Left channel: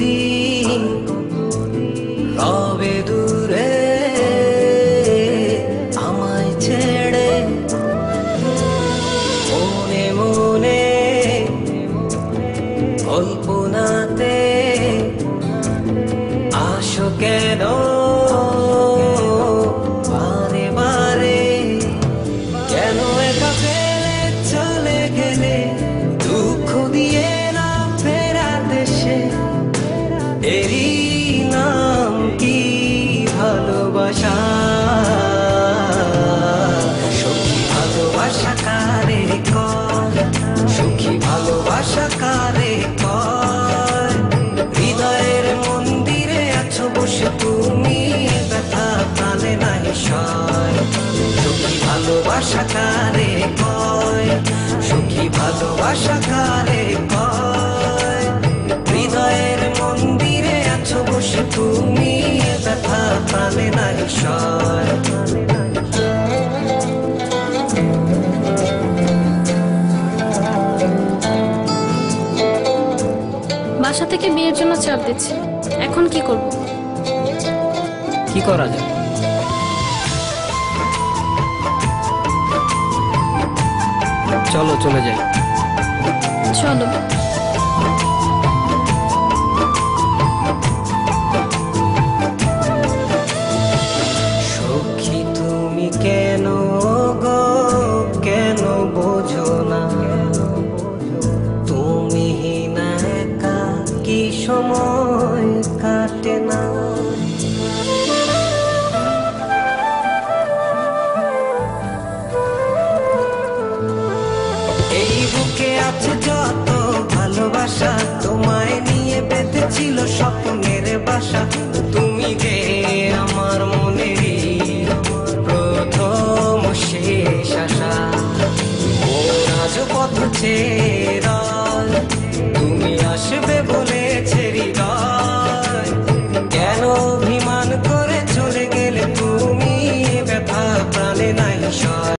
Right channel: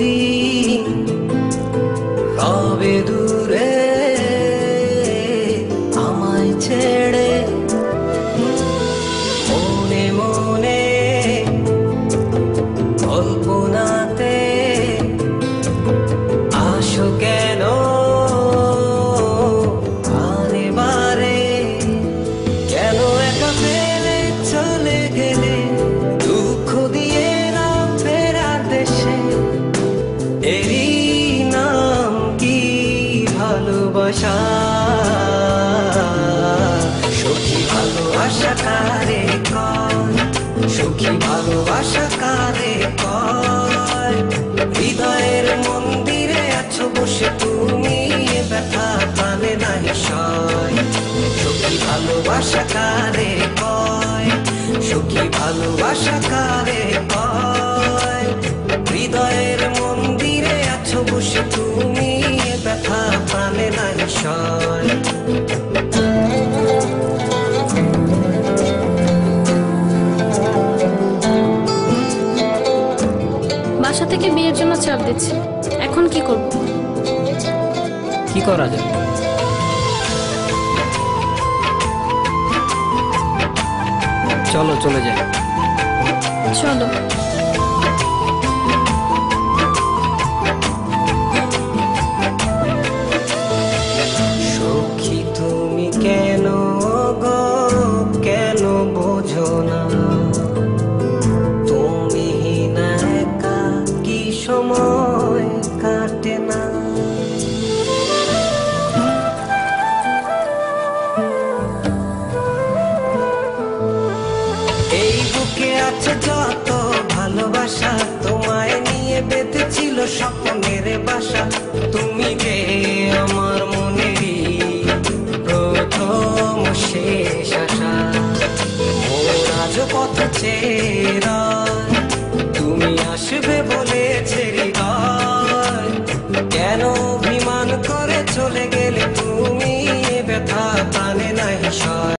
দিন রবে দূরে আমায় ছেড়ে, মনে মনে কল্পনাতে আসো কেন বারে বারে, কেন একা ফেলে চলে গেলে দুঃখ দিয়ে না ফেরার দেশে, এরই নাম কি ভালোবাসা? সখী ভালোবাসা কারে কয়, সুখী ভালোবাসা কারে কয়? হৃদয়ের মন্দিরে আছো বসে তুমি, ব্যথা প্রাণে নাহি সয়। সখী ভালোবাসা কারে কয়, সুখী ভালোবাসা কারে কয়? হৃদয়ের মন্দিরে আছো বসে তুমি, ব্যথা প্রাণে নাহি সয়। বাসা থেকে বিয়ের জন্য চাপ দিচ্ছে, এখন কি করব? কি করা যায়? চলো চলে যাই। চলো। সখী তুমি কেন গো, কেন বোঝো না? তুমি না একা কি সময় কাটে না? এই বুকে আছে যত ভালোবাসা, তোমায় নিয়ে বেঁধেছিল স্বপ্নের বাসা। তুমি যে আমার মনেরই প্রথম শেষ আশা, মন আজও পথ চেয়ে, তুমি আসবে বলেছে হৃদয়। কেন অভিমান করে চলে গেলে তুমি, ব্যথা প্রাণে নাহি সয়।